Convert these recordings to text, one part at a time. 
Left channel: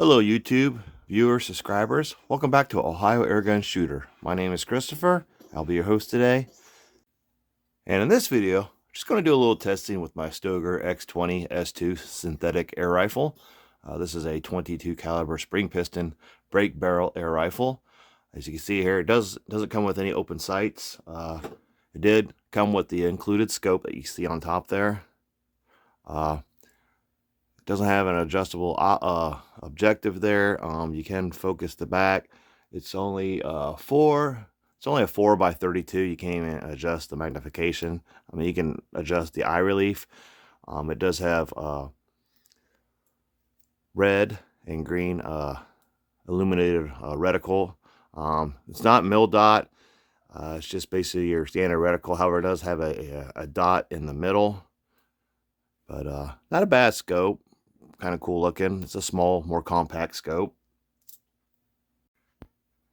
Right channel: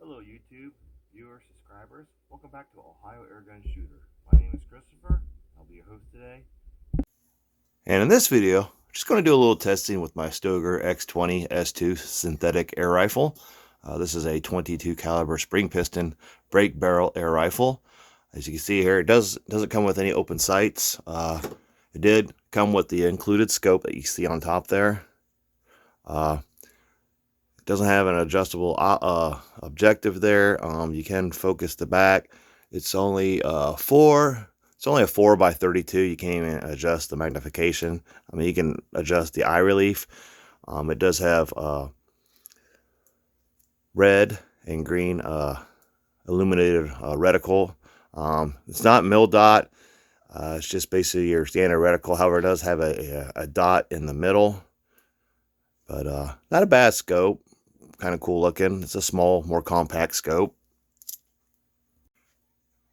Hello YouTube, viewers, subscribers. Welcome back to Ohio Airgun Shooter. My name is Christopher. I'll be your host today. And in this video, I'm just going to do a little testing with my Stoeger X20 S2 synthetic air rifle. This is a 22 caliber spring piston break barrel air rifle. As you can see here, it doesn't come with any open sights. It did come with the included scope that you see on top there. Doesn't have an adjustable objective there. You can focus the back. It's only a 4x32. You can't even adjust the magnification. I mean, you can adjust the eye relief. It does have red and green illuminated reticle. It's not mil dot. It's just basically your standard reticle. However, it does have a dot in the middle. But not a bad scope. Kind of cool looking. It's a small, more compact scope.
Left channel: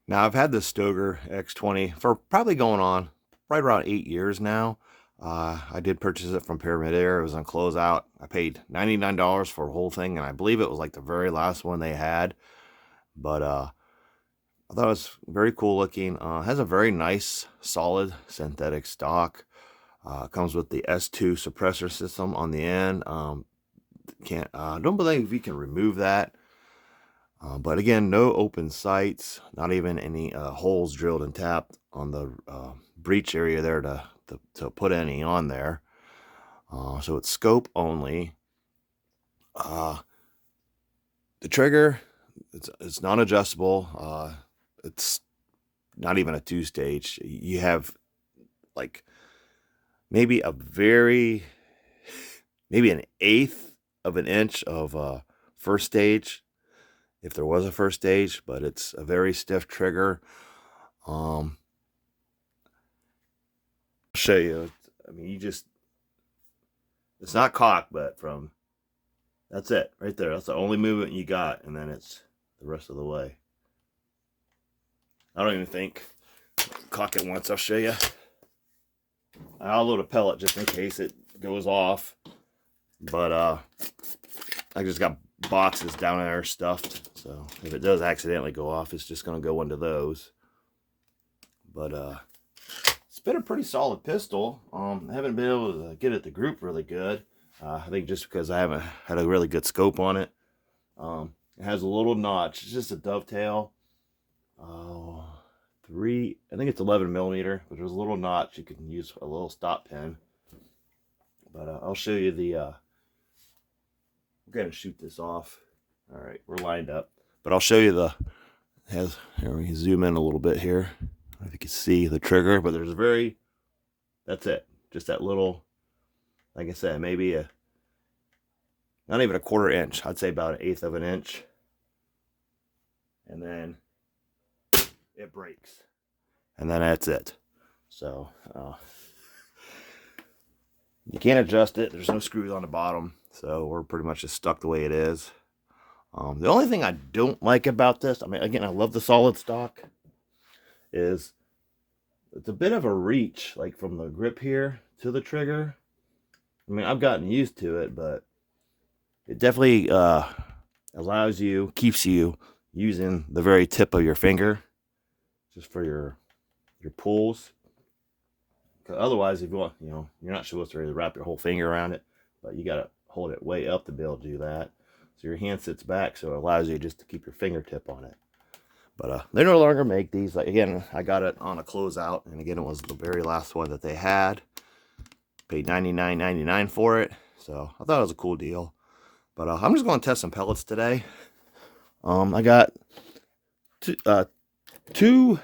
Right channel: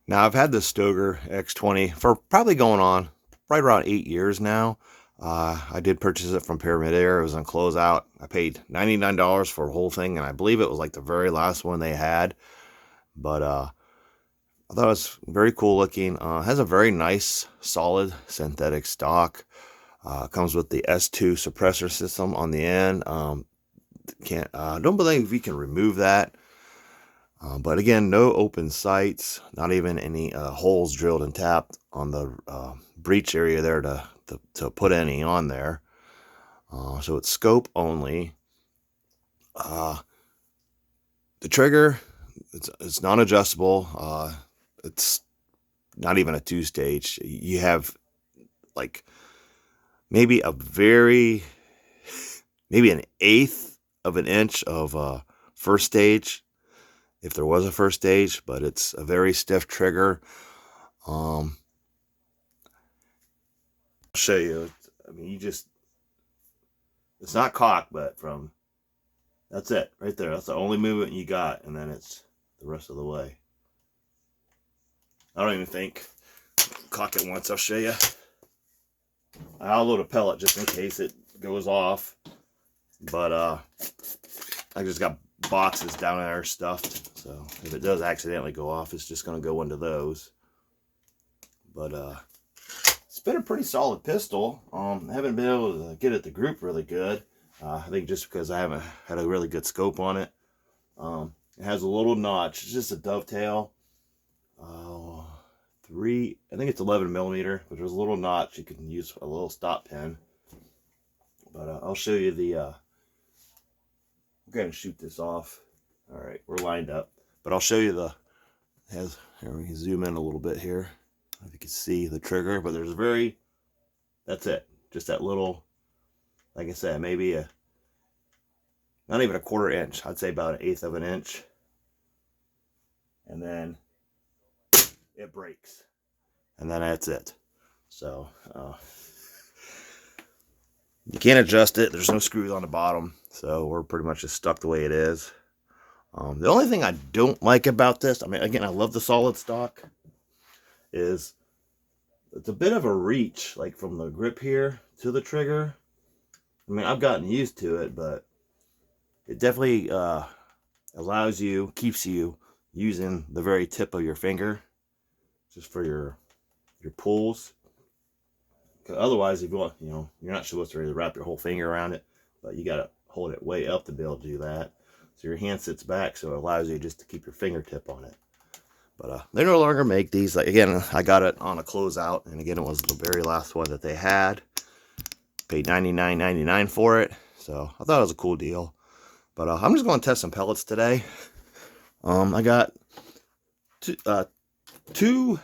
Now, I've had this Stoeger X20 for probably going on right around 8 years now. I did purchase it from Pyramid Air. It was on closeout. I paid $99 for the whole thing, and I believe it was like the very last one they had. But I thought it was very cool looking. Has a very nice, solid synthetic stock. Comes with the S2 suppressor system on the end. Don't believe you can remove that. But again, no open sights, not even any holes drilled and tapped on the breech area there to put any on there. So it's scope only. The trigger, it's non-adjustable. It's not even a 2-stage. You have like maybe an eighth of an inch of first stage, if there was a first stage, but it's a very stiff trigger. I'll show you. I mean, it's not cocked, but that's it right there. That's the only movement you got, and then it's the rest of the way. I don't even think. Cock it once, I'll show you. I'll load a pellet just in case it goes off. But I just got boxes down there stuffed, so if it does accidentally go off, it's just going to go into those. But it's been a pretty solid pistol. I haven't been able to get it to group really good. I think just because I haven't had a really good scope on it. It has a little notch. It's just a dovetail. I think it's 11 millimeter, but there's a little notch. You can use a little stop pin. But I'll show you the I'm going to shoot this off. All right, we're lined up. But I'll show you here we can zoom in a little bit here. I don't know if you can see the trigger, but that's it. Just that little, like I said, maybe not even a 1/4 inch. I'd say about 1/8 of an inch. And then it breaks. And then that's it. So, you can't adjust it. There's no screws on the bottom, so we're pretty much just stuck the way it is. The only thing I don't like about this, I mean, again, I love the solid stock, is it's a bit of a reach, like from the grip here to the trigger. I mean, I've gotten used to it, but it definitely keeps you using the very tip of your finger, just for your pulls. Otherwise, if you want, you're not supposed to really wrap your whole finger around it, but you got to hold it way up to be able to do that. So your hand sits back, so it allows you just to keep your fingertip on it. But they no longer make these. Like, again, I got it on a closeout, and again, it was the very last one that they had. Paid $99.99 for it, so I thought it was a cool deal. But I'm just going to test some pellets today. I got two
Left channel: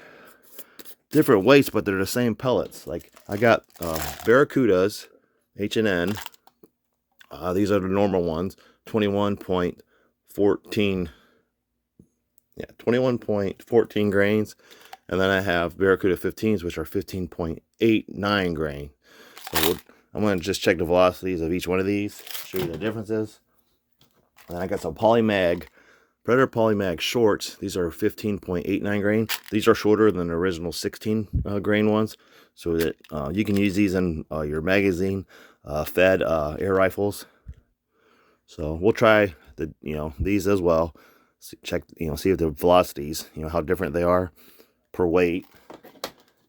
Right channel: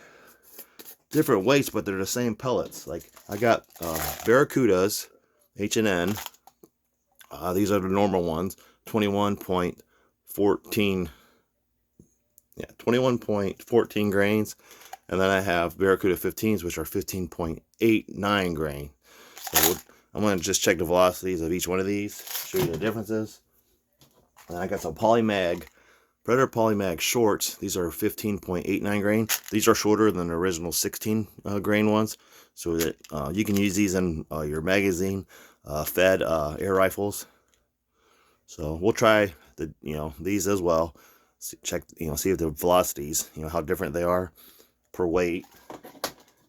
different weights, but they're the same pellets. Like, I got Barracudas, H&N. These are the normal ones, 21.14. Yeah, 21.14 grains. And then I have Barracuda 15s, which are 15.89 grain. So I'm going to just check the velocities of each one of these, show you the differences. And I got some Polymag, Predator Polymag shorts. These are 15.89 grain. These are shorter than the original 16 grain ones, so that you can use these in your magazine fed air rifles. So we'll try these as well. check, see if the velocities, how different they are per weight.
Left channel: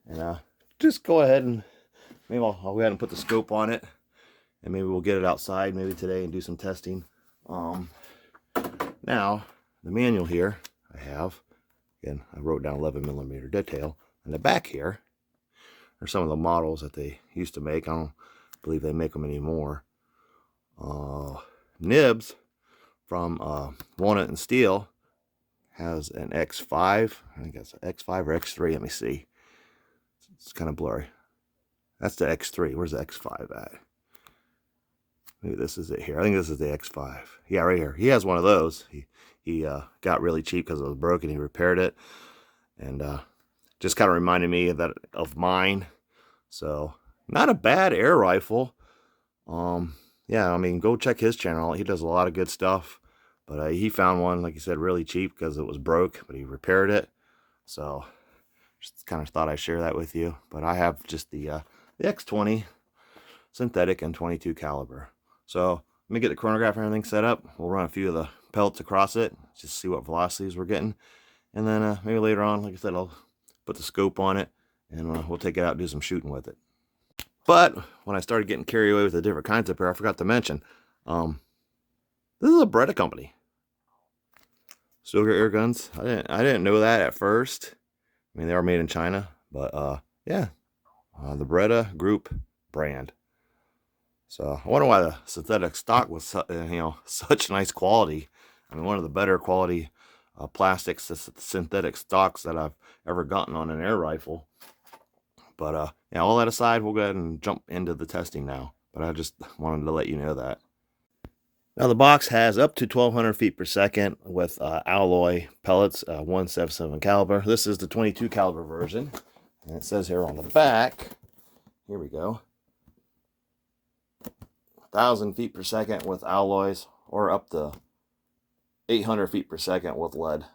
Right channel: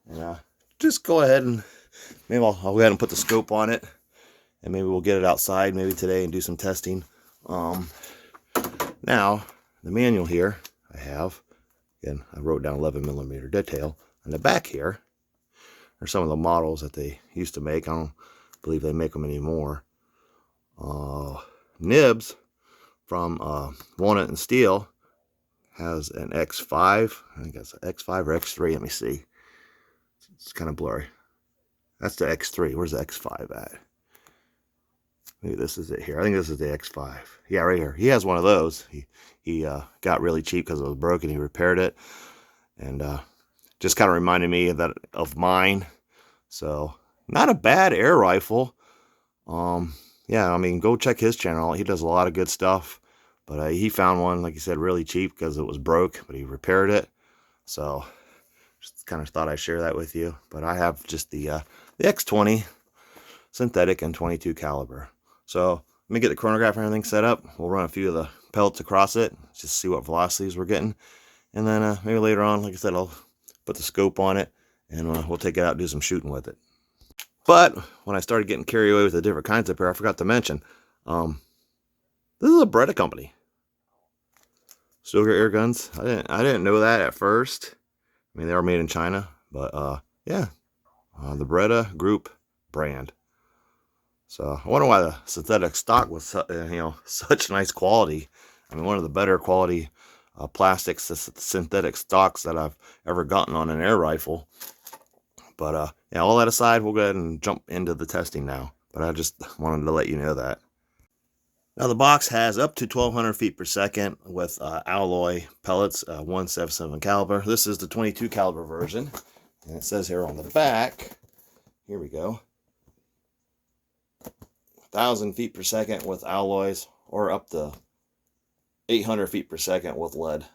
And just go ahead and maybe I'll go ahead and put the scope on it, and maybe we'll get it outside maybe today and do some testing. Now the manual here I have, again, I wrote down 11mm detail. On the back here are some of the models that they used to make. I don't believe they make them anymore. Nibs from Walnut and Steel has an X5. I think that's an X5 or X3. Let me see. It's kind of blurry. That's the X3. Where's the X5 at? Maybe this is it here. I think this is the X5. Yeah, right here. He has one of those. He got really cheap because it was broken. He repaired it, and just kind of reminded me of mine. So not a bad air rifle. Yeah, I mean, go check his channel. He does a lot of good stuff. But he found one, like you said, really cheap because it was broke, but he repaired it. So just kind of thought I'd share that with you. But I have just the X20 synthetic and 22 caliber. So let me get the chronograph and everything set up. We'll run a few of the pellets across it, just see what velocities we're getting. And then maybe later on, like I said, I'll put the scope on it, and we'll take it out and do some shooting with it. But when I started getting carried away with the different kinds up here, I forgot to mention, this is a Beretta company. Stoeger air guns. I didn't know that at first. I mean, they are made in China, but yeah, the Beretta Group brand. So I wonder why the synthetic stock was, such nice quality. I mean, one of the better quality plastics, synthetic stocks that I've ever gotten on an air rifle. But yeah, all that aside, we'll go ahead and jump into the testing now. But I just wanted to let you know that. Now the box has up to 1200 feet per second with alloy pellets, 177 caliber. This is the 22 caliber version, and it says here on the back, here we go, 1000 feet per second with alloys, or up to 800 feet per second with lead.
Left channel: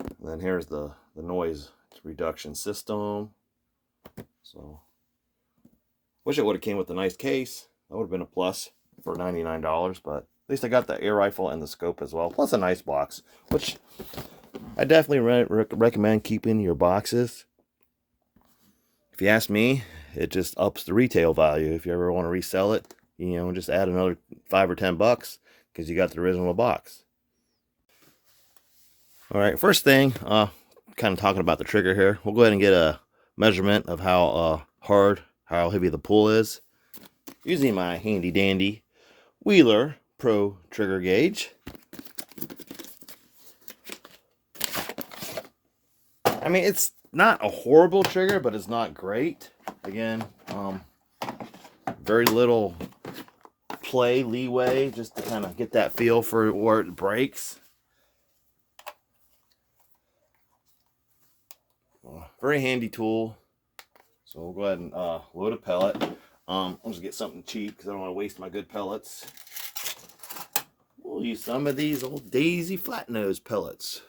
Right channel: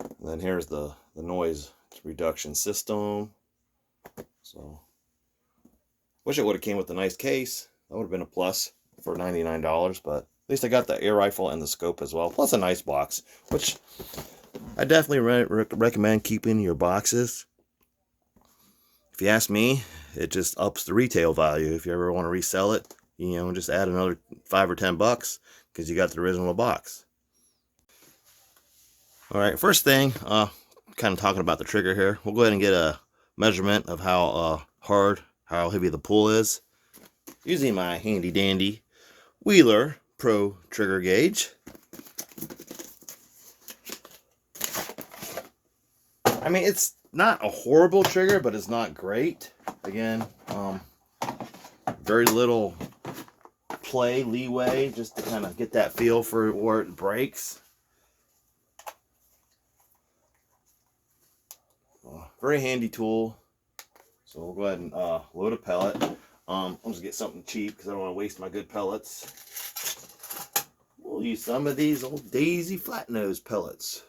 And then here's the noise reduction system. So wish it would have came with a nice case. That would have been a plus for $99, but at least I got the air rifle and the scope as well, plus a nice box, which I definitely recommend keeping your boxes. If you ask me, it just ups the retail value. If you ever want to resell it, just add another $5 or $10 because you got the original box. All right, first thing, kind of talking about the trigger here. We'll go ahead and get a measurement of how how heavy the pull is, using my handy dandy Wheeler Pro trigger gauge. I mean, it's not a horrible trigger, but it's not great. Again, very little leeway just to kind of get that feel for where it breaks. Very handy tool. So we'll go ahead and load a pellet. I'll just get something cheap because I don't want to waste my good pellets. We'll use some of these old Daisy flat nose pellets.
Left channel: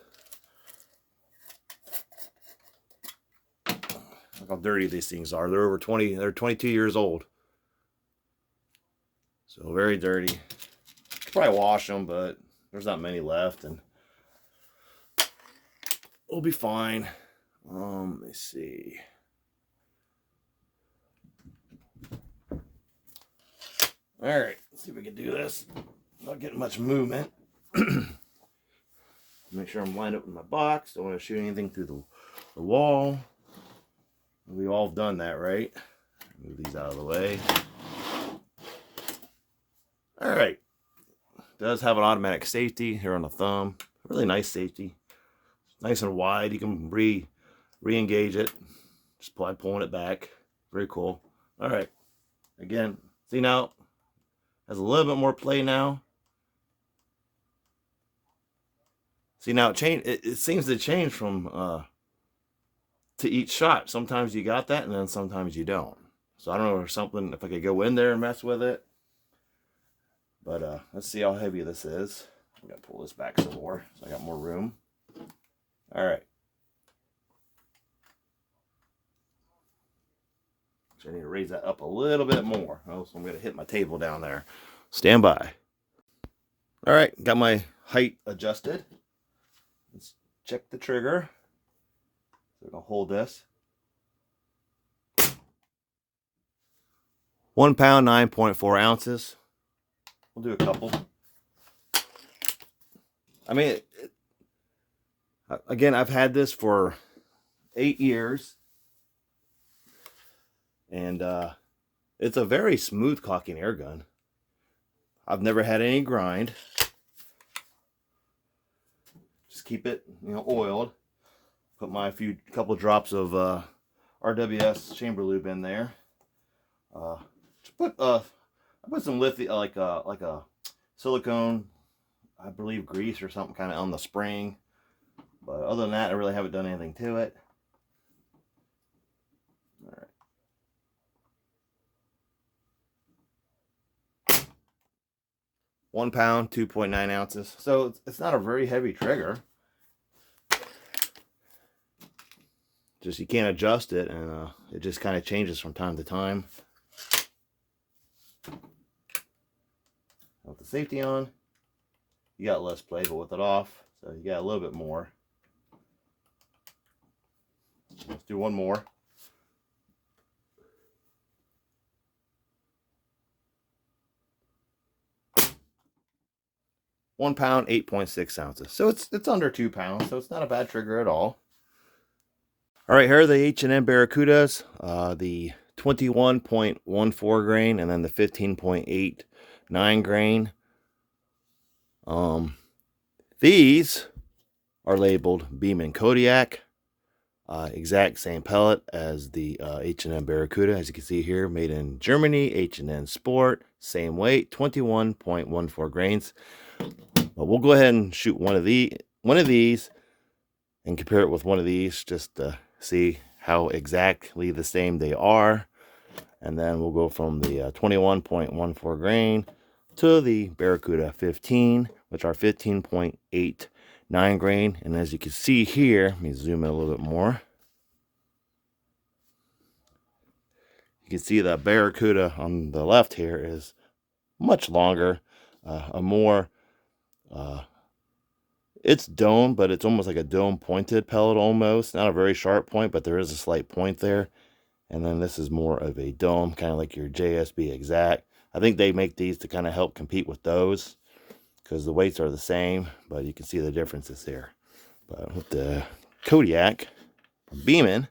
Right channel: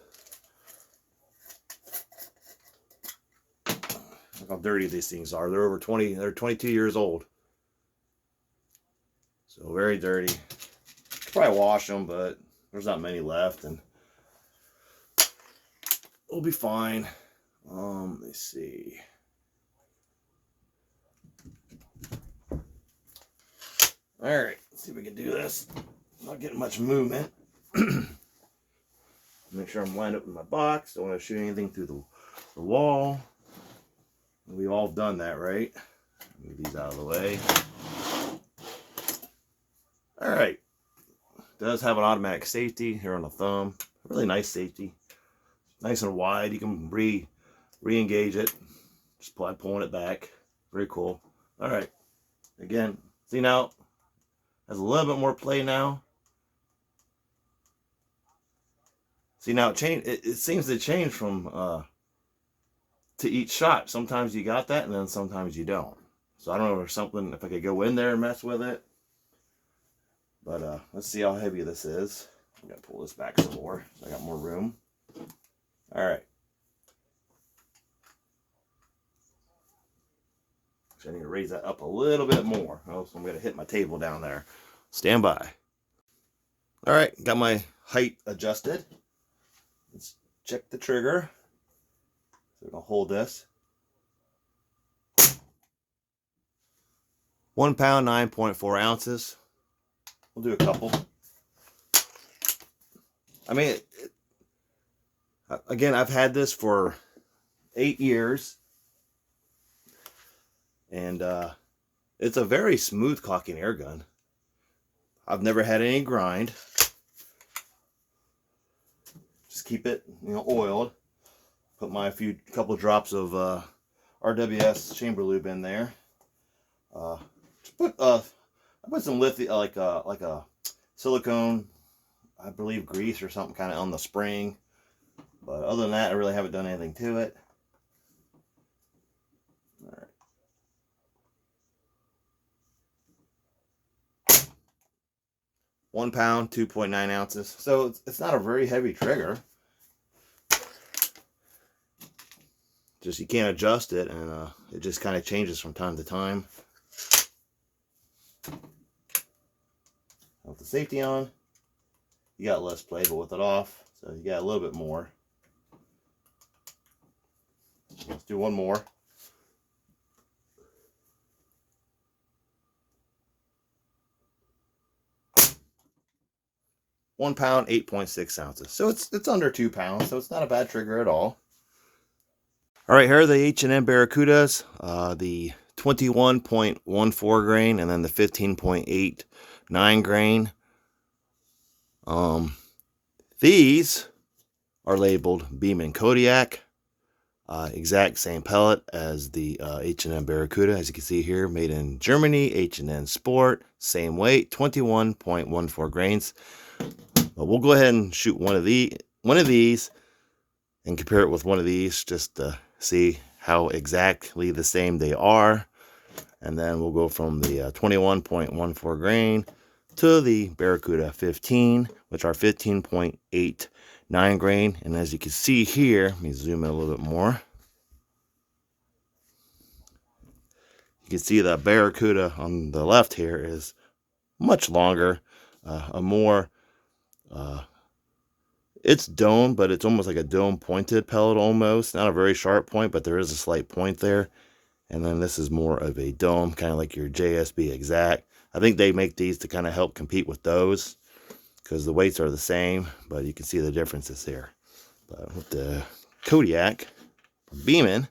Look how dirty these things are. They're they're 22 years old. So very dirty. Probably wash them, but there's not many left, and we'll be fine. Let's see. All right, let's see if we can do this. Not getting much movement. Make sure I'm lined up with my box. Don't want to shoot anything through the wall. We've all done that, right? Move these out of the way. All right. It does have an automatic safety here on the thumb. Really nice safety. Nice and wide. You can re-engage it just by pulling it back. Very cool. All right. Again, see now, has a little bit more play now. See now, it seems to change from to each shot. Sometimes you got that, and then sometimes you don't. So I don't know if there's something, if I could go in there and mess with it. But let's see how heavy this is. I'm gonna pull this back some more so I got more room. All right. I need to raise that up a little bit more. Oh, so I'm gonna hit my table down there. Stand by. All right, got my height adjusted. Let's check the trigger. So we're going to hold this. 1 pound, 9.4 ounces. We'll do a couple. I mean, again, I've had this for 8 years. And it's a very smooth cocking air gun. I've never had any grind. Just keep it, oiled. Put my couple drops of RWS chamber lube in there. I put some lithium, like a silicone, I believe, grease or something kind of on the spring. But other than that, I really haven't done anything to it. All right. 1 pound, 2.9 ounces. So it's not a very heavy trigger. Just you can't adjust it, and it just kind of changes from time to time. With the safety on, you got less play, but with it off, so you got a little bit more. Let's do one more. 1 pound, 8.6 ounces. So it's under 2 pounds, so it's not a bad trigger at all. All right, here are the H&B Baracudas, the 21.14 grain and then the 15.89 grain. These are labeled Beam & Kodiak. Exact same pellet as the H&B Baracuda, as you can see here, made in Germany, H&N Sport, same weight, 21.14 grains. But we'll go ahead and shoot one of these and compare it with one of these just to see how exactly the same they are. And then we'll go from the 21.14 grain to the Barracuda 15, which are 15.89 grain. And as you can see here, let me zoom in a little bit more. You can see the Barracuda on the left here is much longer, a more it's dome, but it's almost like a dome pointed pellet almost. Not a very sharp point, but there is a slight point there. And then this is more of a dome, kind of like your JSB Exact. I think they make these to kind of help compete with those because the weights are the same, but you can see the differences here. But with the Kodiak Beeman,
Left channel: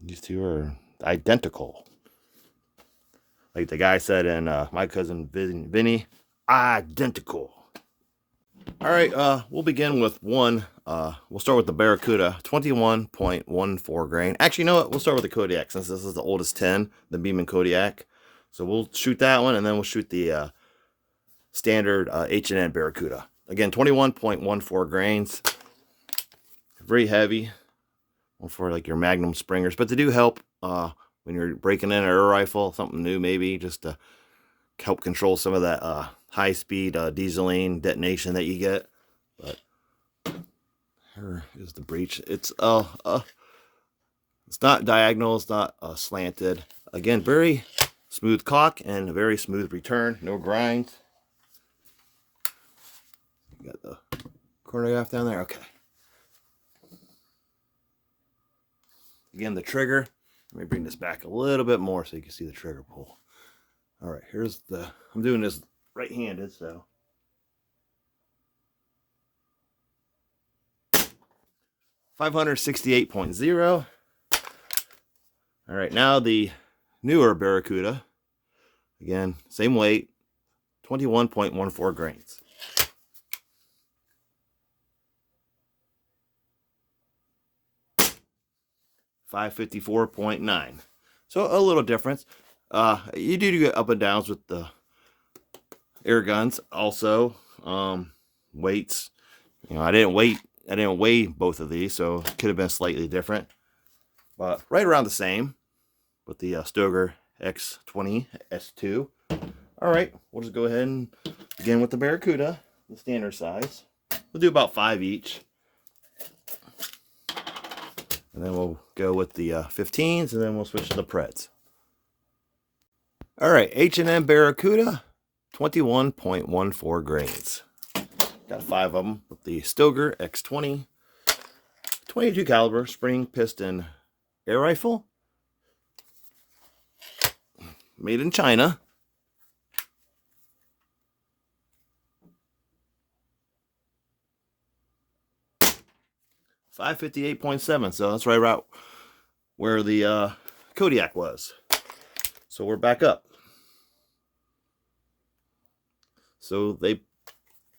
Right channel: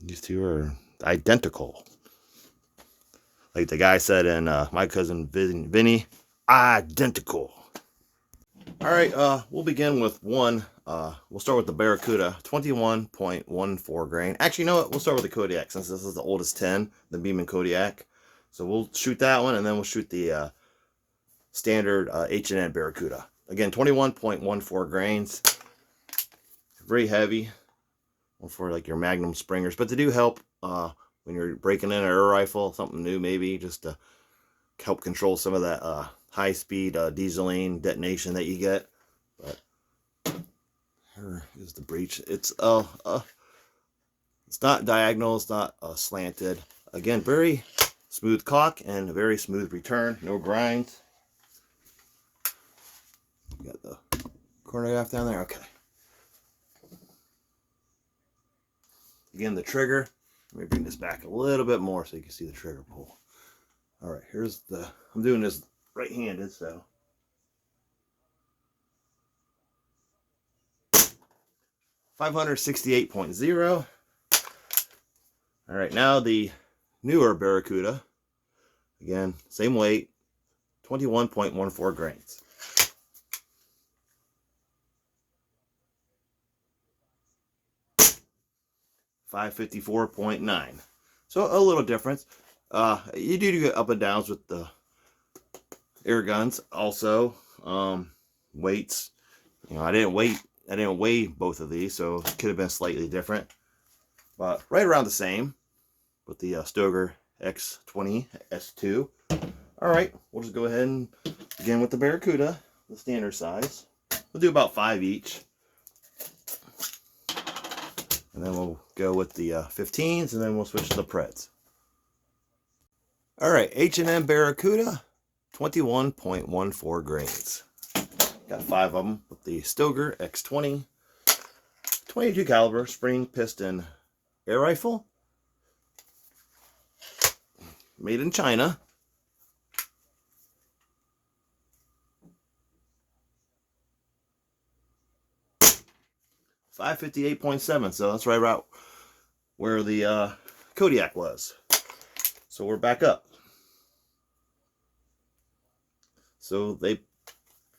these two are identical. Like the guy said in My Cousin Vinny, identical. All right, we'll begin with one. We'll start with the Barracuda, 21.14 grain. Actually, you know what? We'll start with the Kodiak since this is the oldest 10, the Beam & Kodiak. So we'll shoot that one, and then we'll shoot the standard H&N Barracuda. Again, 21.14 grains. Very heavy for like your Magnum Springers, but they do help when you're breaking in an air rifle, something new maybe, just to help control some of that high-speed dieseline detonation that you get. But here is the breech. It's not diagonal, it's not slanted. Again, very smooth cock and very smooth return, no grinds. Got the chronograph down there. Okay. Again, the trigger. Let me bring this back a little bit more so you can see the trigger pull. All right, here's the. I'm doing this right-handed, so 568.0. All right, now the newer Barracuda. Again, same weight, 21.14 grains. $554.9. So a little difference. You do get up and downs with the air guns. Also, weights. I didn't weigh both of these, so it could have been slightly different. But right around the same with the Stoeger X20 S2. All right, we'll just go ahead and begin with the Barracuda, the standard size. We'll do about 5 each. And then we'll go with the 15s, and then we'll switch to the Preds. All right, H&M Barracuda, 21.14 grains. Got 5 of them with the Stoeger X20, 22 caliber spring piston air rifle, made in China. .558.7, so that's right about where the Kodiak was. So we're back up. So they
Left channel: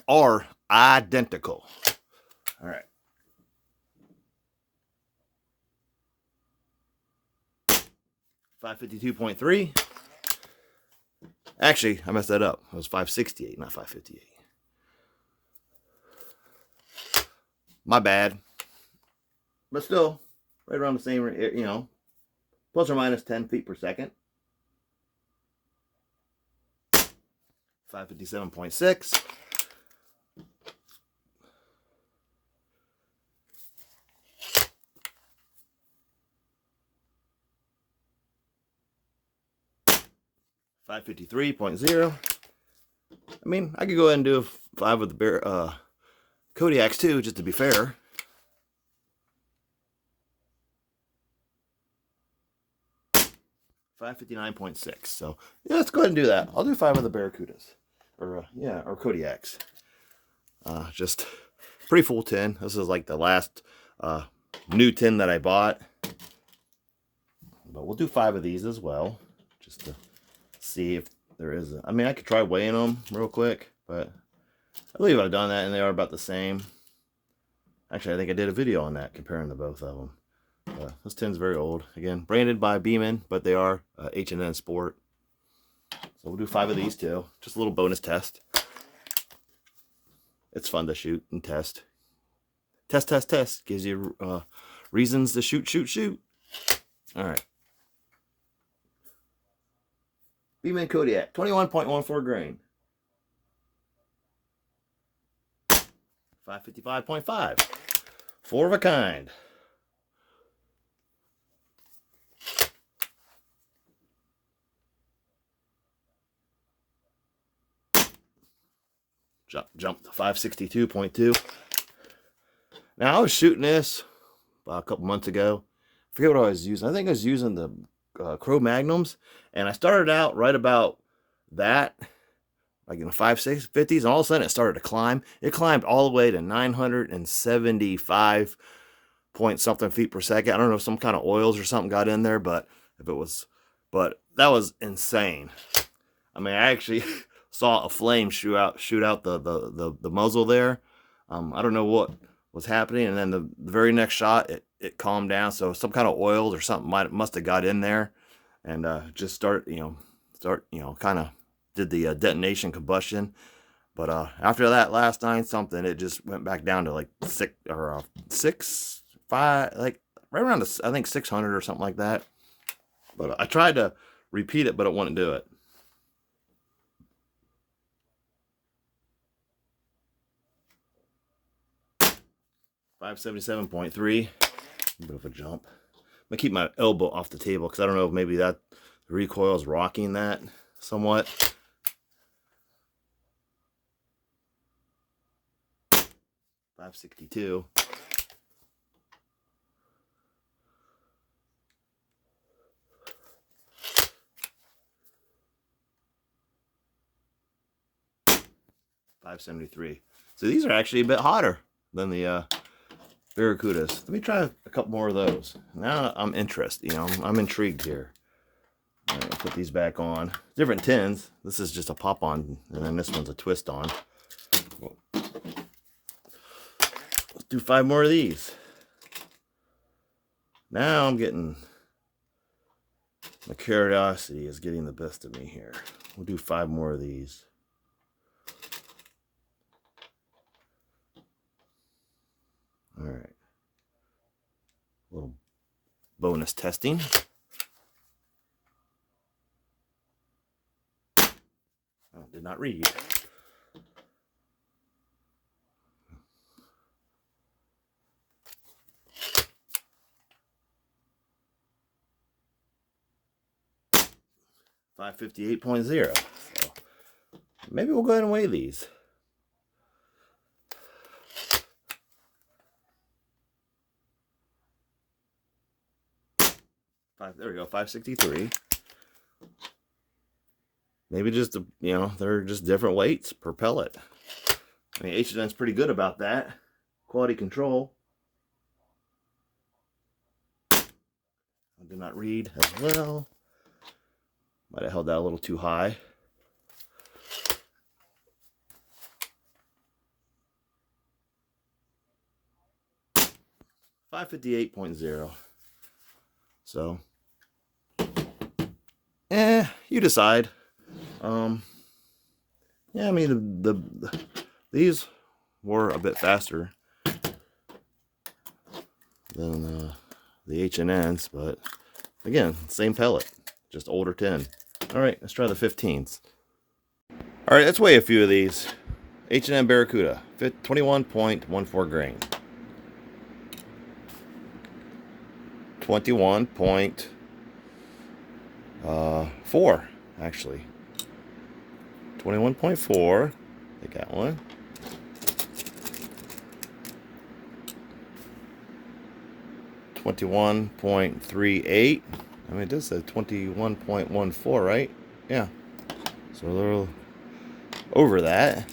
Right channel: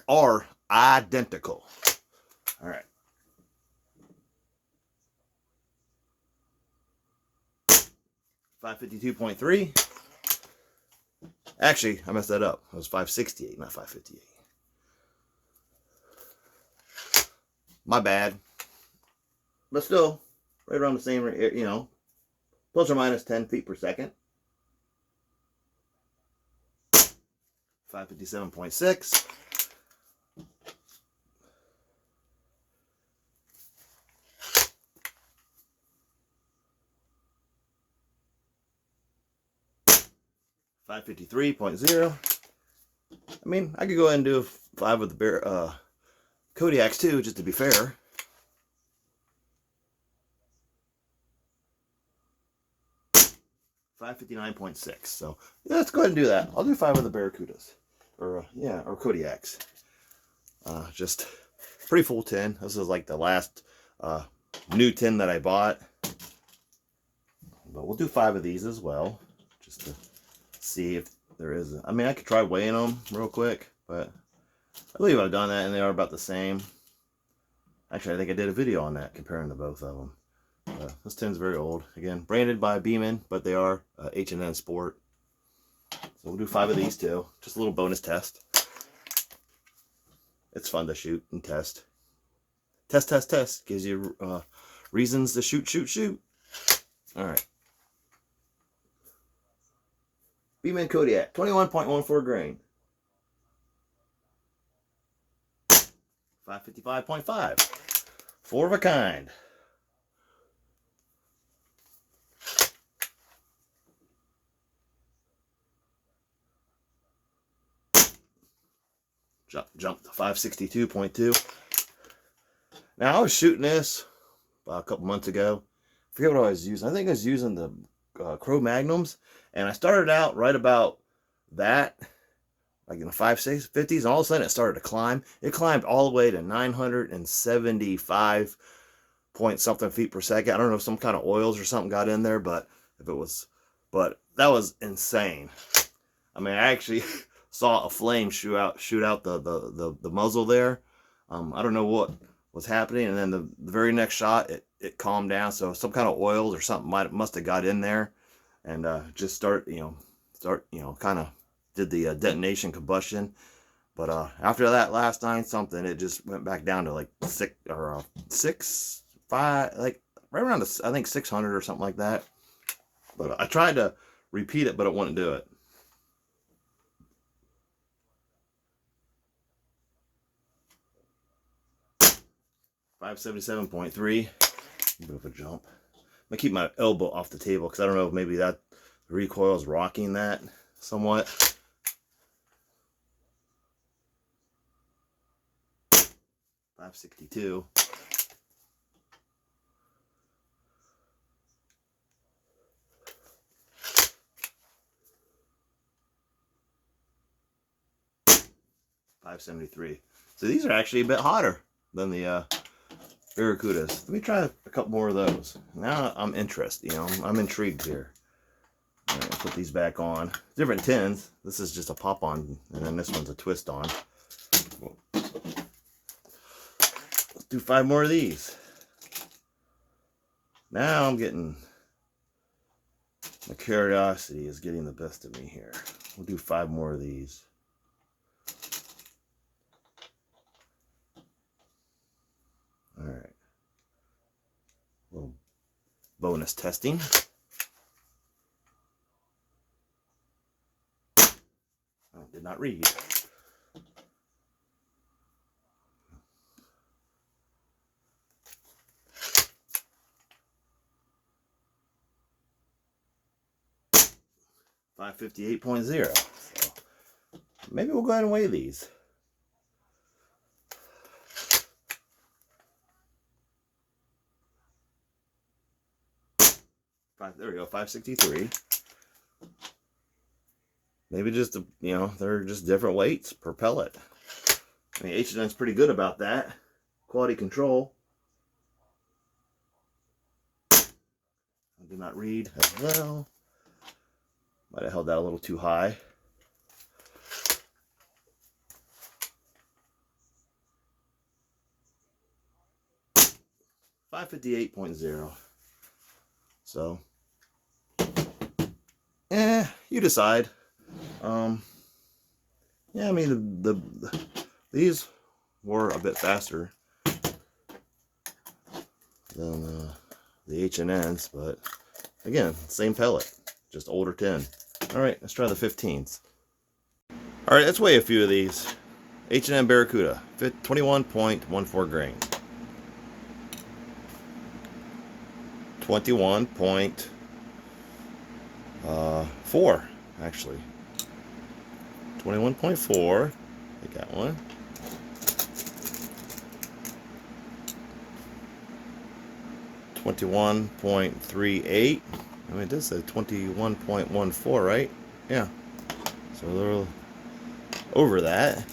are identical. All right. .552.3. Actually, I messed that up. It was .568, not .558. My bad. But still, right around the same, you know, plus or minus 10 feet per second. 557.6. .553.0. I mean, I could go ahead and do 5 of the Kodiaks too, just to be fair. .559.6. So yeah, let's go ahead and do that. I'll do 5 of the Barracudas, or or Kodiaks. Just pretty full tin. This is like the last new tin that I bought, but we'll do 5 of these as well, just to see if there is. I mean, I could try weighing them real quick, but I believe I've done that, and they are about the same. Actually, I think I did a video on that, comparing the both of them. This tin's very old. Again, branded by Beeman, but they are H&B Sport. So we'll do 5 of these too. Just a little bonus test. It's fun to shoot and test. Test, test, test. Gives you reasons to shoot, shoot, shoot. All right. Beeman Kodiak, 21.14 grain. 555.5. 4 of a kind. Jump to 562.2. Now I was shooting this a couple months ago. I forget what I was using. I think I was using the Crow Magnums, and I started out right about that, like in the 550s, and all of a sudden it started to climb. It climbed all the way to 975 point something feet per second. I don't know if some kind of oils or something got in there, but but that was insane. I mean, I actually saw a flame shoot out the muzzle there. I don't know what was happening, and then the very next shot it calmed down. So some kind of oils or something must have got in there, and just start kind of did the detonation combustion. But after that last 9 something, it just went back down to like 6 or 6, 5, like right around I think 600 or something like that. But I tried to repeat it, but it wouldn't do it. 577.3. A bit of a jump. I'm gonna keep my elbow off the table because I don't know if maybe that the recoil is rocking that somewhat. 562. .573. So these are actually a bit hotter than the Barracudas. Let me try a couple more of those. Now I'm interested. I'm intrigued here. All right, put these back on. Different tins. This is just a pop on, and then this one's a twist on. Let's do 5 more of these. Now I'm getting, my curiosity is getting the best of me here. We'll do 5 more of these. All right. A little bonus testing. I did not read. .558.0. So maybe we'll go ahead and weigh these. there we go, 563. Maybe just, you know, they're just different weights per pellet. I mean, H&N's pretty good about that. Quality control. I did not read as well. Might have held that a little too high. $558.0. So, you decide. Yeah, I mean these were a bit faster than the H&Ns, but again, same pellet, just older tin. All right, let's try the 15s. All right, let's weigh a few of these. H&M Barracuda, 21.14 grain. 21.4 actually. 21.4. Take that one. 21.38. I mean, it does say 21.14, right? Yeah. So they're over that.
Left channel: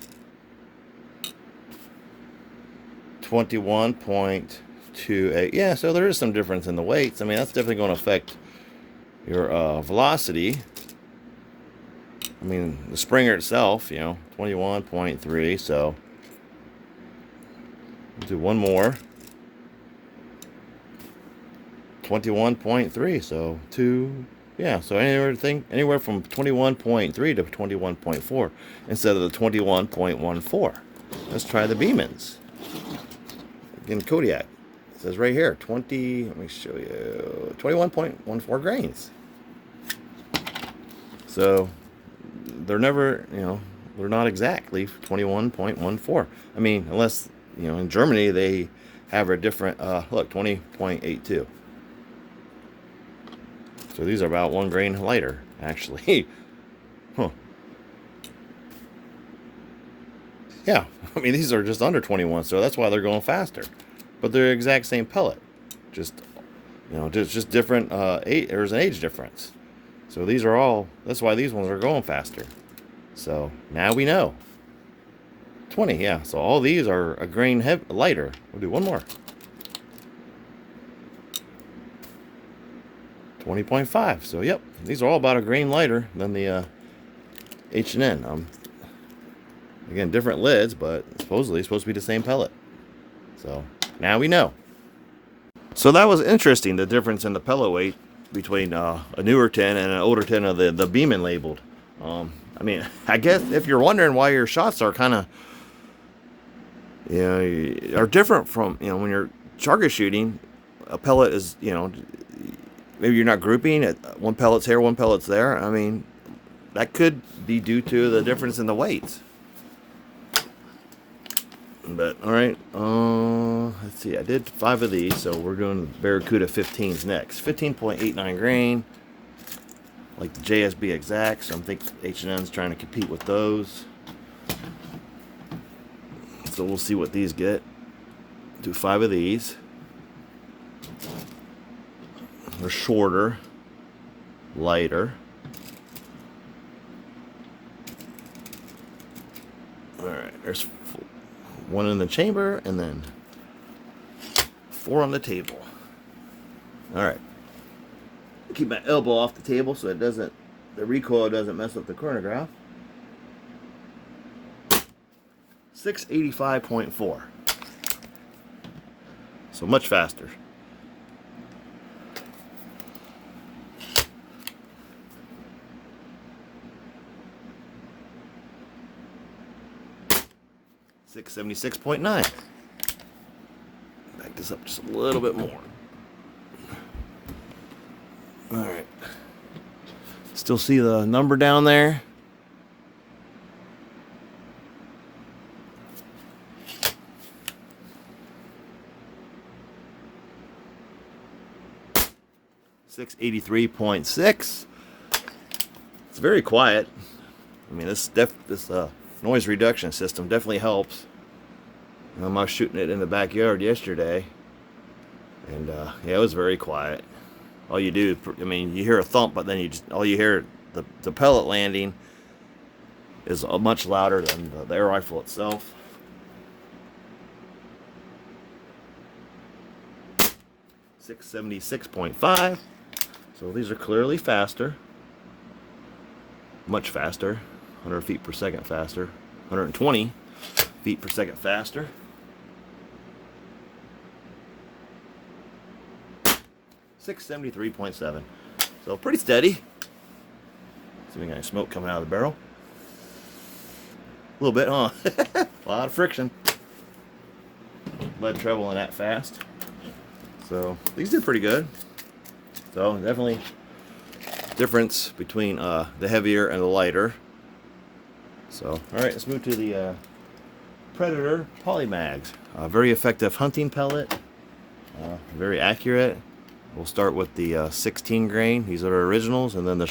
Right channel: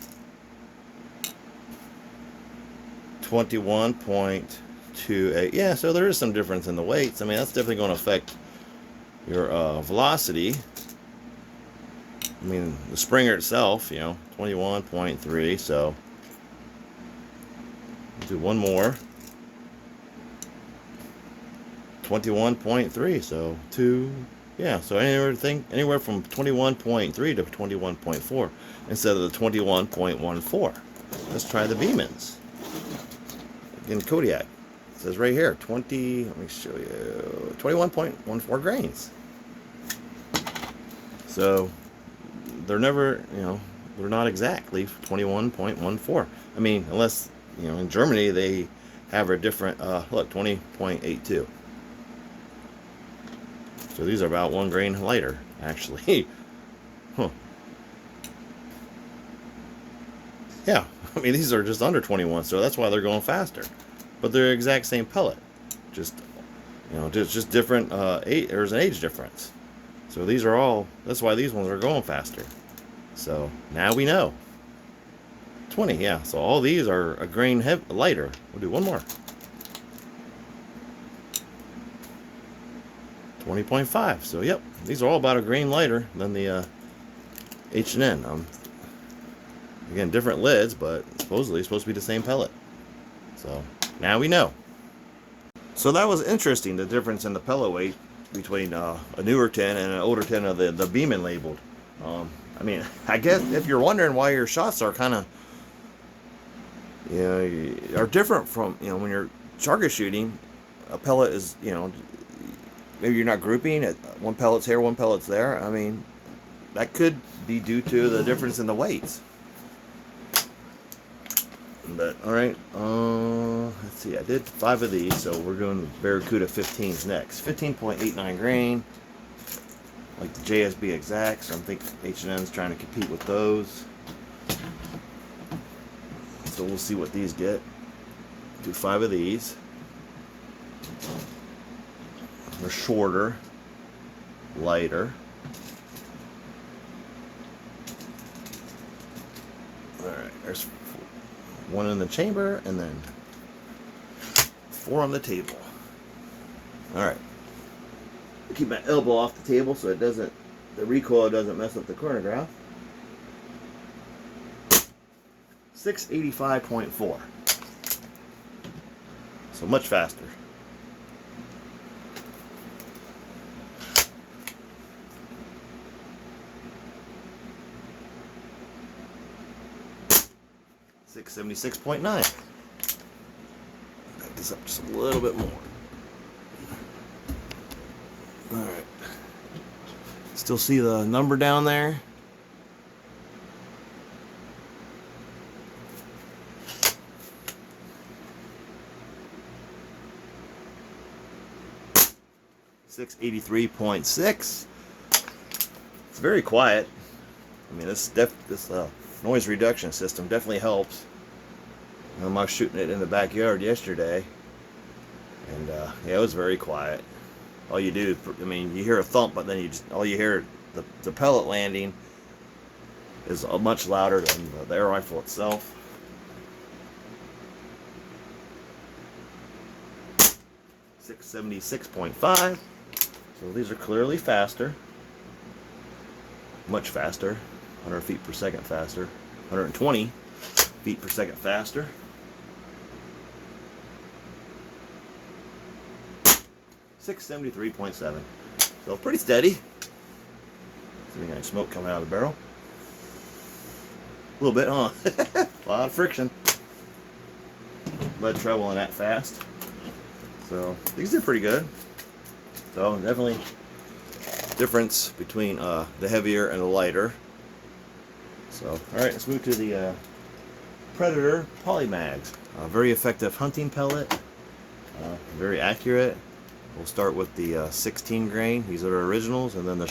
21.28. Yeah, so there is some difference in the weights. I mean, that's definitely going to affect your velocity. I mean, the Springer itself, you know, 21.3. So we'll do one more. 21.3. So two. Yeah, so anywhere from 21.3 to 21.4 instead of the 21.14. Let's try the Beemans. In Kodiak, it says right here, let me show you, 21.14 grains. So they're never, you know, they're not exactly 21.14. I mean, unless, you know, in Germany they have a different, look, 20.82. So these are about 1 grain lighter, actually. Huh. Yeah, I mean, these are just under 21, so that's why they're going faster. But they're the exact same pellet. Just, you know, just different, there's an age difference. So these are all, that's why these ones are going faster. So now we know. 20, yeah, so all these are a grain lighter. We'll do one more. 20.5, so yep, these are all about a grain lighter than the H&N. Again, different lids, but supposedly it's supposed to be the same pellet. So now we know. So that was interesting, the difference in the pellet weight between a newer tin and an older tin of the Beeman labeled. I mean, I guess if you're wondering why your shots are kind of, you know, are different from, you know, when you're target shooting, a pellet is, you know, maybe you're not grouping it, one pellet's here, one pellet's there. I mean, that could be due to the difference in the weights. But all right, let's see, I did 5 of these, so we're doing Barracuda 15s next. 15.89 grain, like the JSB exact, so I think H&N's trying to compete with those. So we'll see what these get. Do 5 of these. They're shorter, lighter. All right, there's 1 in the chamber and then 4 on the table. All right, keep my elbow off the table so it doesn't, the recoil doesn't mess up the chronograph. 685.4. So much faster. $676.9. Back this up just a little bit more. All right. Still see the number down there? $683.6. It's very quiet. I mean, this noise reduction system definitely helps. I was shooting it in the backyard yesterday, and yeah, it was very quiet. all you do, I mean, you hear a thump, but then all you hear, the pellet landing is much louder than the air rifle itself. 676.5. So these are clearly faster, much faster, 100 feet per second faster, 120 feet per second faster. 673.7. So pretty steady. See if we got any smoke coming out of the barrel. A little bit, huh? A lot of friction. Lead traveling that fast. So these did pretty good. So definitely difference between the heavier and the lighter. So all right, let's move to the Predator Polymags. Very effective hunting pellet. Very accurate. We'll start with the 16 grain. These are originals, and then the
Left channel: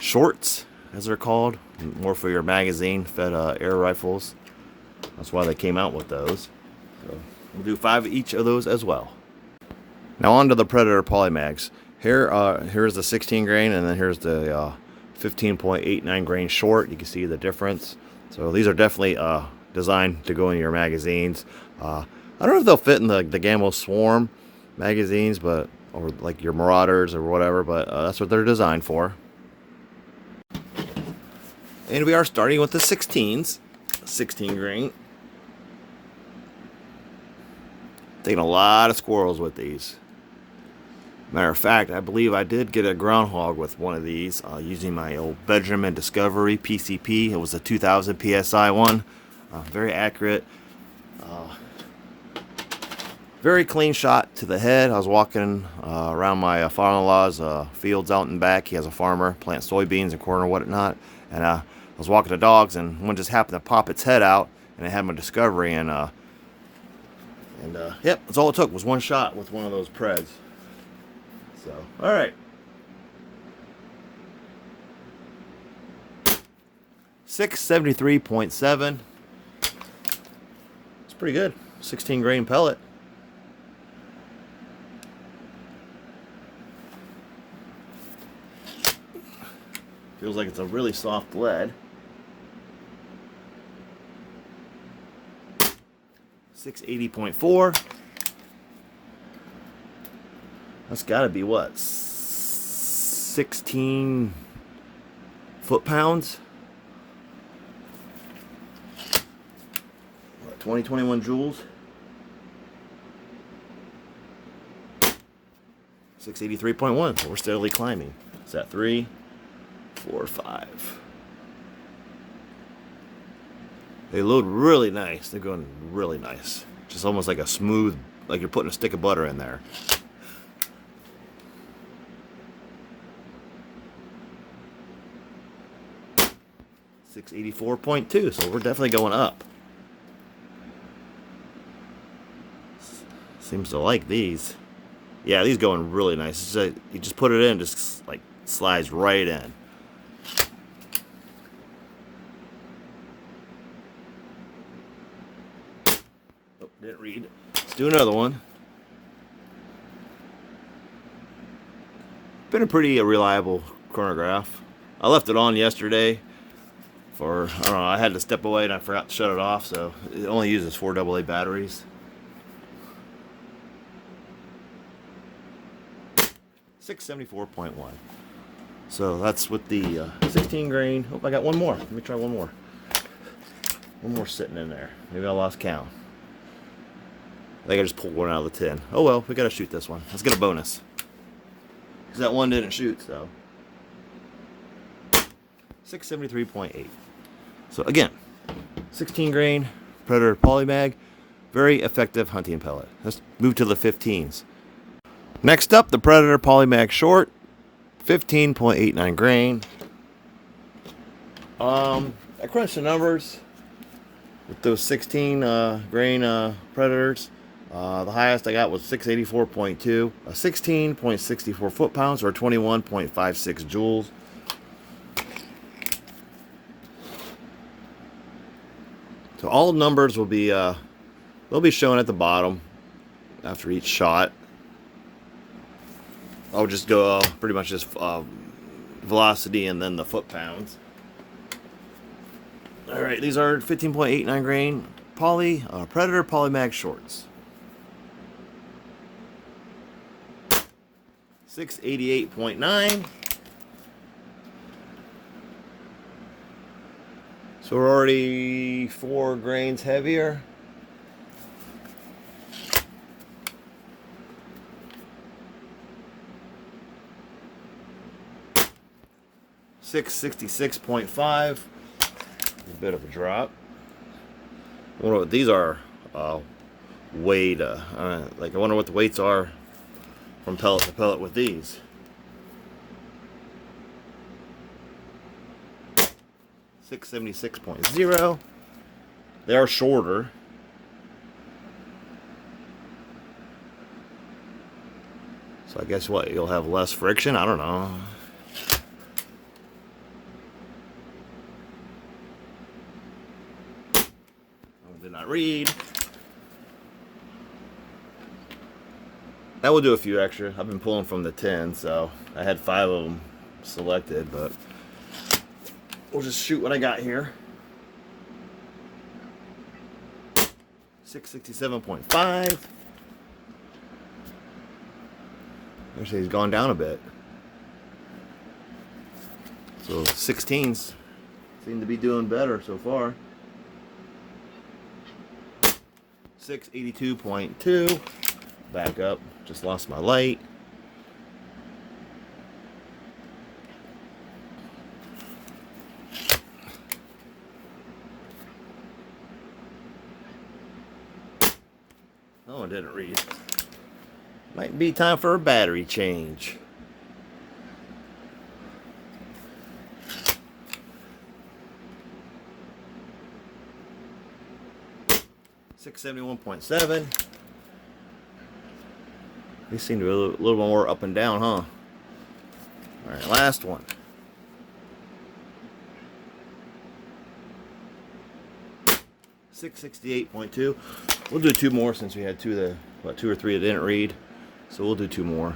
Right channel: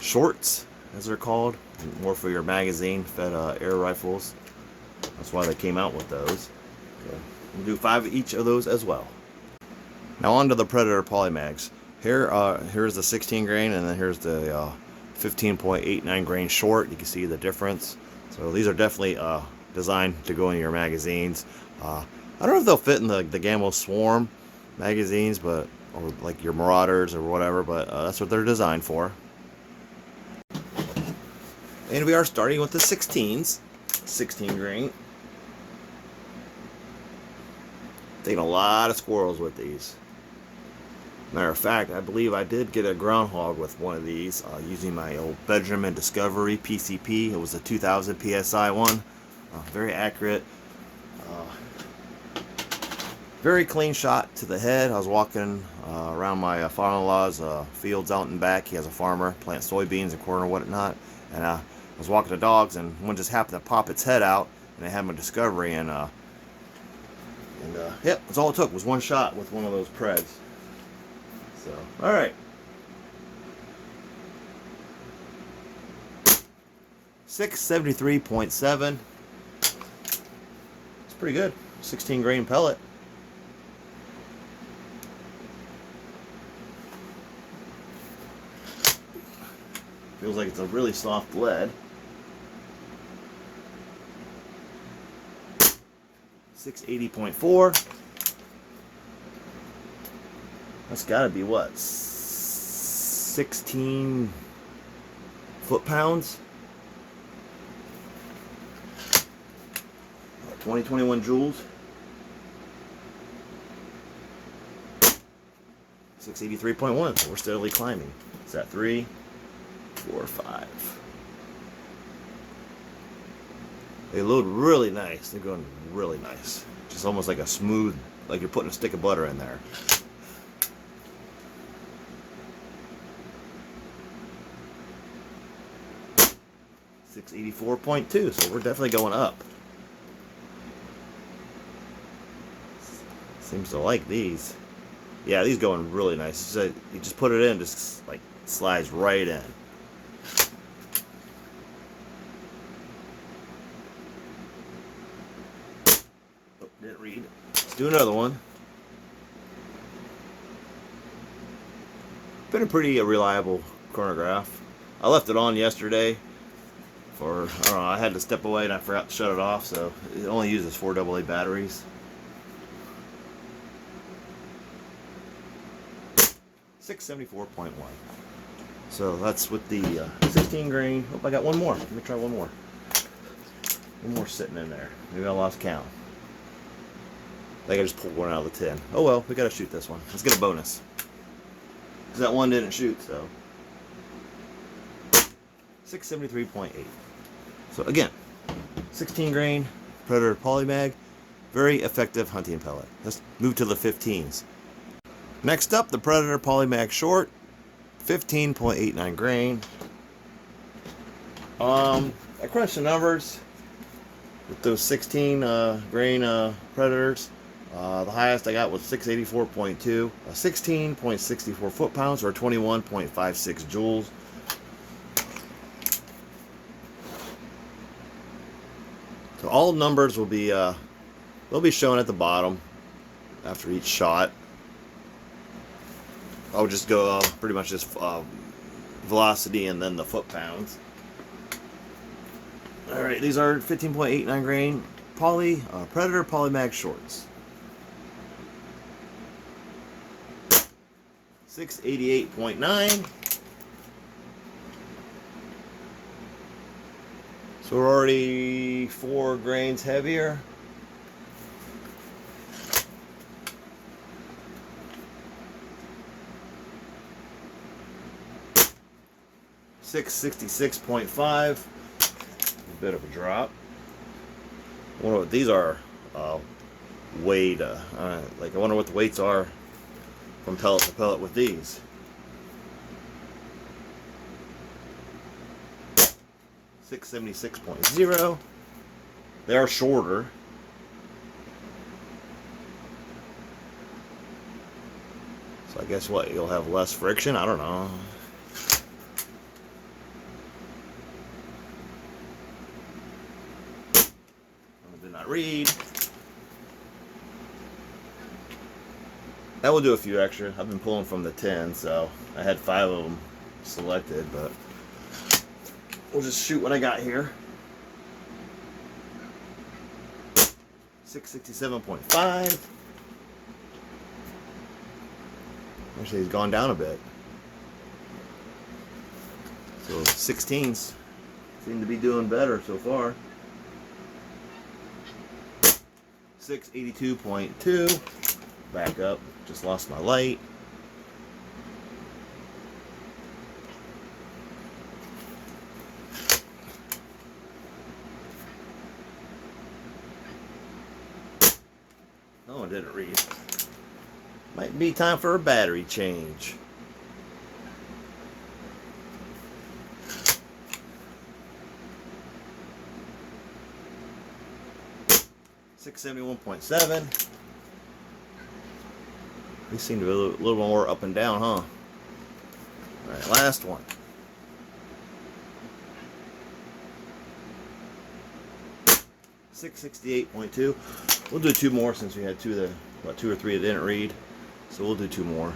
shorts, as they're called, more for your magazine-fed air rifles. That's why they came out with those. So we'll do 5 of each of those as well. Now on to the Predator Polymags. Here's the 16 grain, and then here's the 15.89 grain short. You can see the difference. So these are definitely designed to go in your magazines. I don't know if they'll fit in the Gamma Swarm magazines, or like your Marauders or whatever, but that's what they're designed for. And we are starting with the 16s, 16 grain. Taking a lot of squirrels with these. Matter of fact, I believe I did get a groundhog with one of these using my old Benjamin Discovery PCP. It was a 2000 PSI one. Very accurate. Very clean shot to the head. I was walking around my father-in-law's fields out and back. He has a farmer, plants soybeans and corn and whatnot. And I was walking the dogs, and one just happened to pop its head out, and I had my Discovery, and yep, that's all it took was one shot with one of those Preds. So, all right. 673.7. It's pretty good. 16 grain pellet. Feels like it's a really soft lead. 680.4. That's got to be what? 16 foot-pounds? 2021 joules. 683.1. So we're steadily climbing. Is that 3, 4, 5? They load really nice. They're going really nice. Just almost like a smooth, like you're putting a stick of butter in there. $684.2. So we're definitely going up. Seems to like these. Yeah, these going really nice. You just put it in, just like slides right in. Oh, didn't read. Let's do another one. Been a pretty reliable chronograph. I left it on yesterday for, I don't know, I had to step away and I forgot to shut it off, so it only uses 4 AA batteries. 674.1. So that's with the 16 grain. Hope I got one more. Let me try one more. One more sitting in there. Maybe I lost count. I think I just pulled one out of the tin. Oh well, we gotta shoot this one. Let's get a bonus. Because that one didn't shoot, so. 673.8. So again, 16 grain Predator Polymag. Very effective hunting pellet. Let's move to the 15s. Next up, the Predator Polymag Short, 15.89 grain. I crunched the numbers with those 16 grain Predators. The highest I got was 684.2, 16.64 foot-pounds, or 21.56 joules. So all numbers will be they'll be shown at the bottom after each shot. I'll just go pretty much just velocity and then the foot-pounds. Alright, these are 15.89 grain Predator Polymag shorts. 688.9. So we're already 4 grains heavier. $666.5. A bit of a drop. I wonder what these are weighed. Like I wonder what the weights are from pellet to pellet with these. 676.0. They are shorter. So I guess what, you'll have less friction? I don't know. I did not read. That will do a few extra. I've been pulling from the 10, so I had 5 of them selected, but we'll just shoot what I got here. 667.5. Actually, he's gone down a bit. So 16s seem to be doing better so far. 682.2. Back up. Just lost my light. No one didn't read. Might be time for a battery change. $671.7. These seem to be a little more up and down, huh? Alright, last one. $668.2. We'll do 2 more since we had 2 or 3 that didn't read. So we'll do 2 more.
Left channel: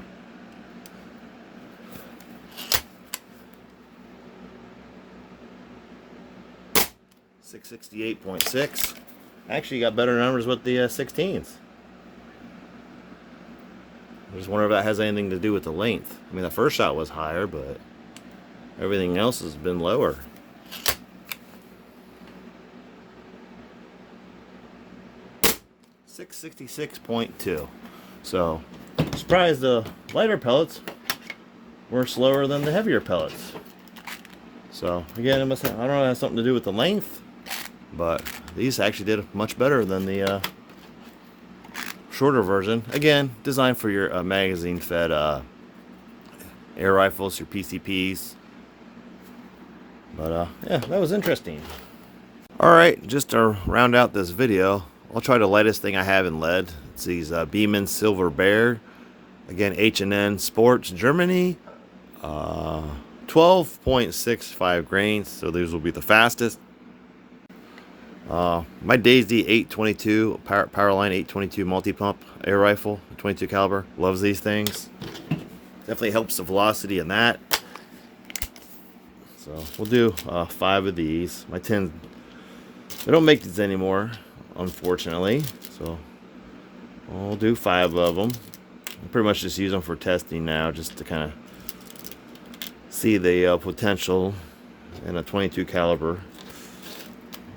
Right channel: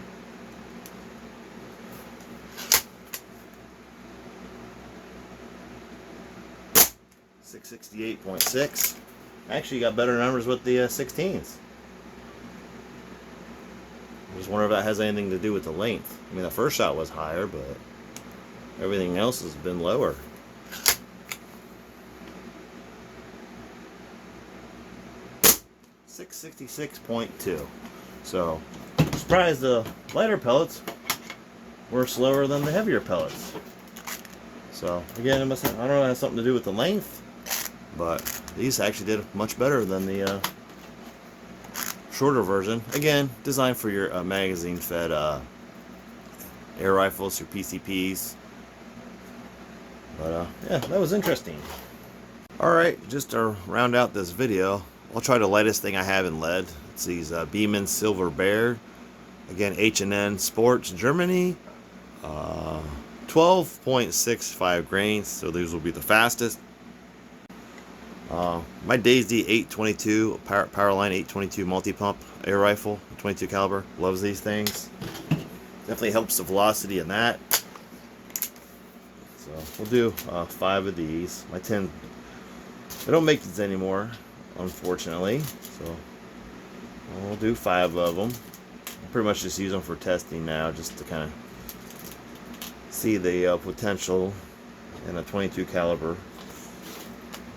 $668.6. Actually got better numbers with the 16s. I just wonder if that has anything to do with the length. I mean, the first shot was higher, but everything else has been lower. $666.2. So, surprised the lighter pellets were slower than the heavier pellets. So, again, I don't know if it has something to do with the length, but these actually did much better than the shorter version. Again, designed for your magazine-fed air rifles, your PCPs. But yeah, that was interesting. Alright, just to round out this video, I'll try the lightest thing I have in lead. It's these Beeman Silver Bear. Again, H&N Sports, Germany. 12.65 grains, so these will be the fastest. My Daisy 822 Powerline 822 multi-pump air rifle, 22 caliber. Loves these things. Definitely helps the velocity in that. So we'll do 5 of these. My 10, they don't make these anymore, unfortunately. So we'll do 5 of them. I'll pretty much just use them for testing now, just to kind of see the potential in a 22 caliber.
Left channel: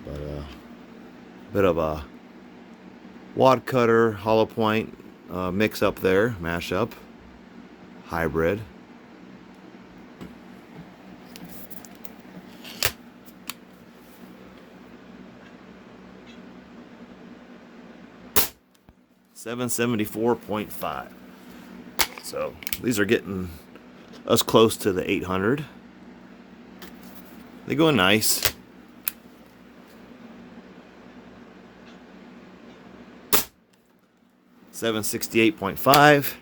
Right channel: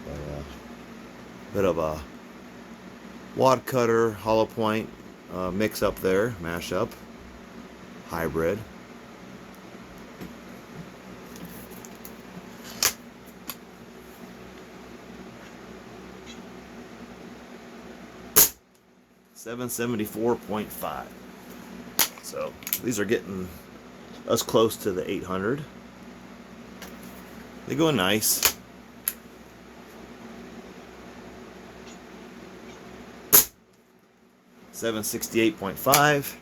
But, bit of a wad cutter, hollow point mix up there, mash up, hybrid. $774.5. So these are getting us close to the 800. They go nice. $768.5.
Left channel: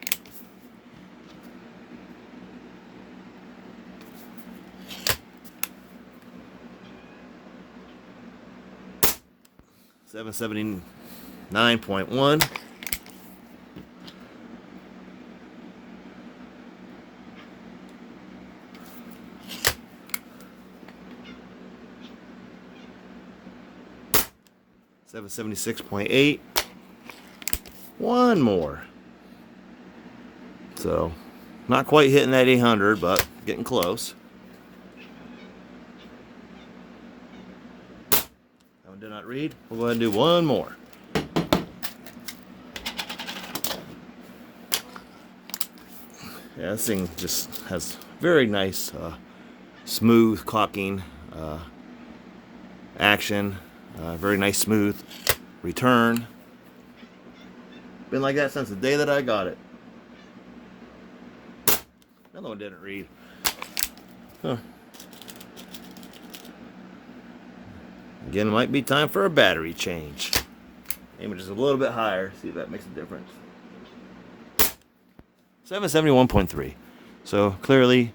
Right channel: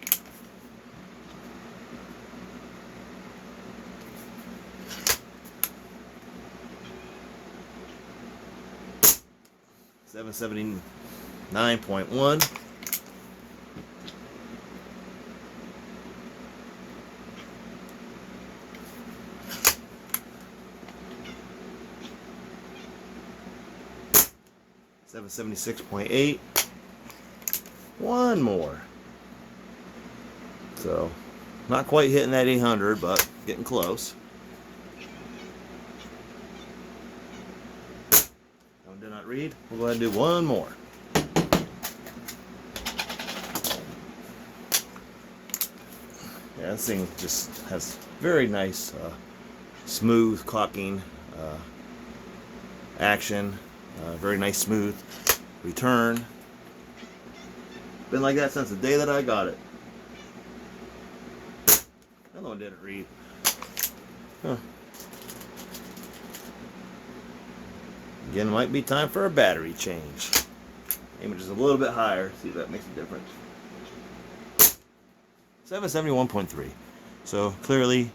$779.1. 776.8. One more. So, not quite hitting that 800, but getting close. That one did not read. We'll go ahead and do one more. Yeah, this thing just has very nice, smooth cocking action. Very nice, smooth return. Been like that since the day that I got it. Another one didn't read. Huh. Again, it might be time for a battery change. Aim it just a little bit higher, see if that makes a difference. 771.3. So clearly,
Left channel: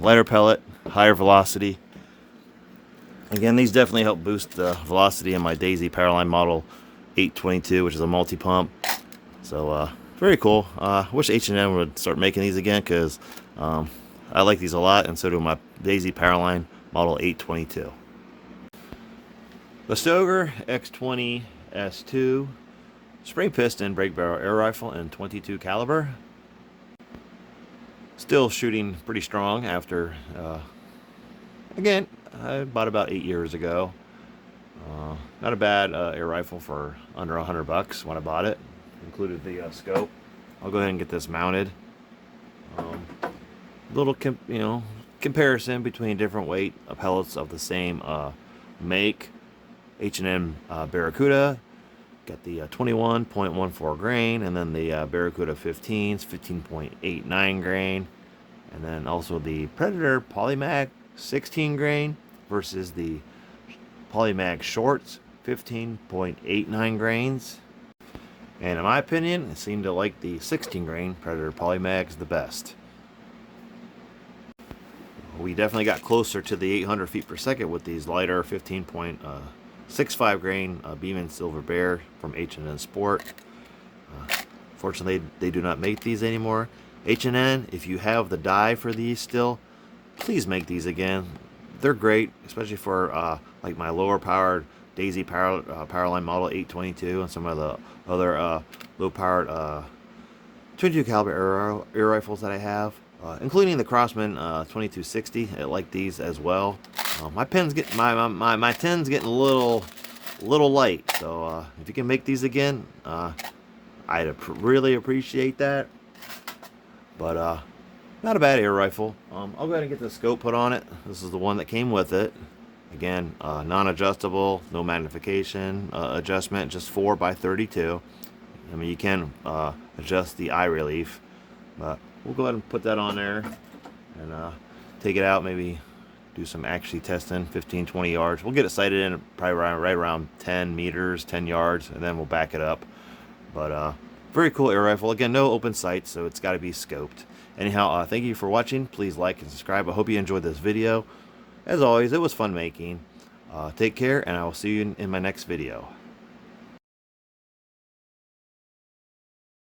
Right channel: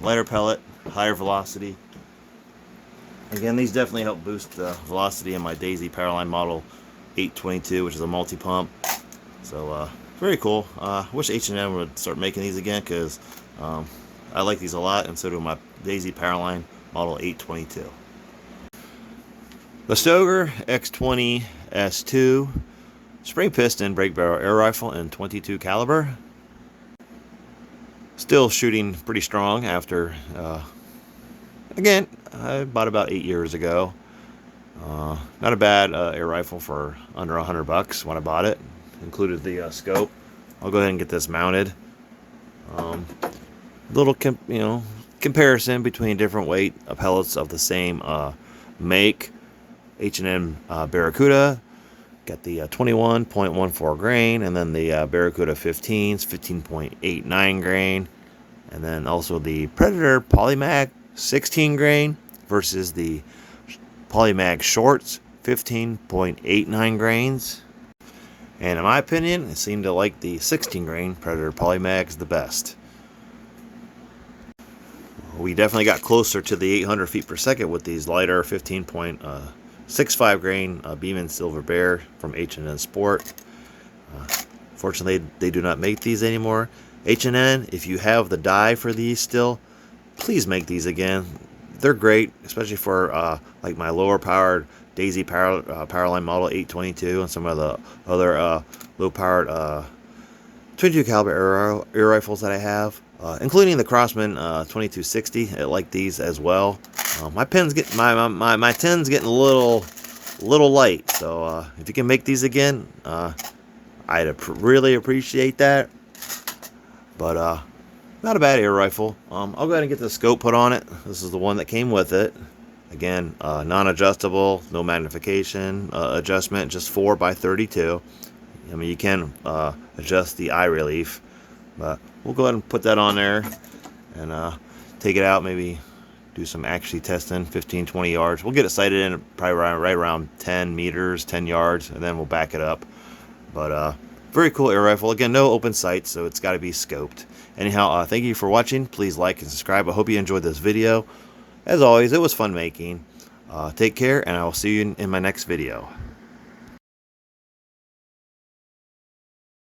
lighter pellet, higher velocity. Again, these definitely help boost the velocity in my Daisy Powerline model 822, which is a multi-pump. So very cool. Wish H&M would start making these again, because I like these a lot, and so do my Daisy Powerline model 822. The Stoeger X20 S2 spray piston brake barrel air rifle in 22 caliber. Still shooting pretty strong after, again, I bought about 8 years ago. Not a bad air rifle for under $100 when I bought it. Included the scope. I'll go ahead and get this mounted. Little comparison between different weight pellets of the same make. H&M Baracuda. Got the 21.14 grain, and then the Barracuda 15s, 15.89 grain, and then also the Predator Polymag 16 grain versus the Polymag shorts 15.89 grains. And in my opinion, I seem to like the 16 grain Predator Polymags the best. We definitely got closer to the 800 feet per second with these lighter 15.65 grain Beeman Silver Bear from H&N Sport. Fortunately, they do not make these anymore. H&N, if you have the die for these still, please make these again. They're great, especially for like my lower powered Daisy Powerline model 822 and some of the other low powered 22 caliber air rifles that I have, including the Crossman 2260. I like these as well. My pen's get my 10's getting a little light, so if you can make these again, I'd really appreciate that. But not a bad air rifle. I'll go ahead and get the scope put on it. This is the one that came with it. Again, non-adjustable, no magnification adjustment, just 4x32. I mean, you can adjust the eye relief, but we'll go ahead and put that on there and take it out, maybe do some actually testing, 15-20 yards. We'll get it sighted in probably right around 10 meters, 10 yards, and then we'll back it up. But very cool air rifle. Again, no open sights, so it's got to be scoped. Anyhow, thank you for watching. Please like and subscribe. I hope you enjoyed this video. As always, it was fun making. Take care, and I will see you in my next video.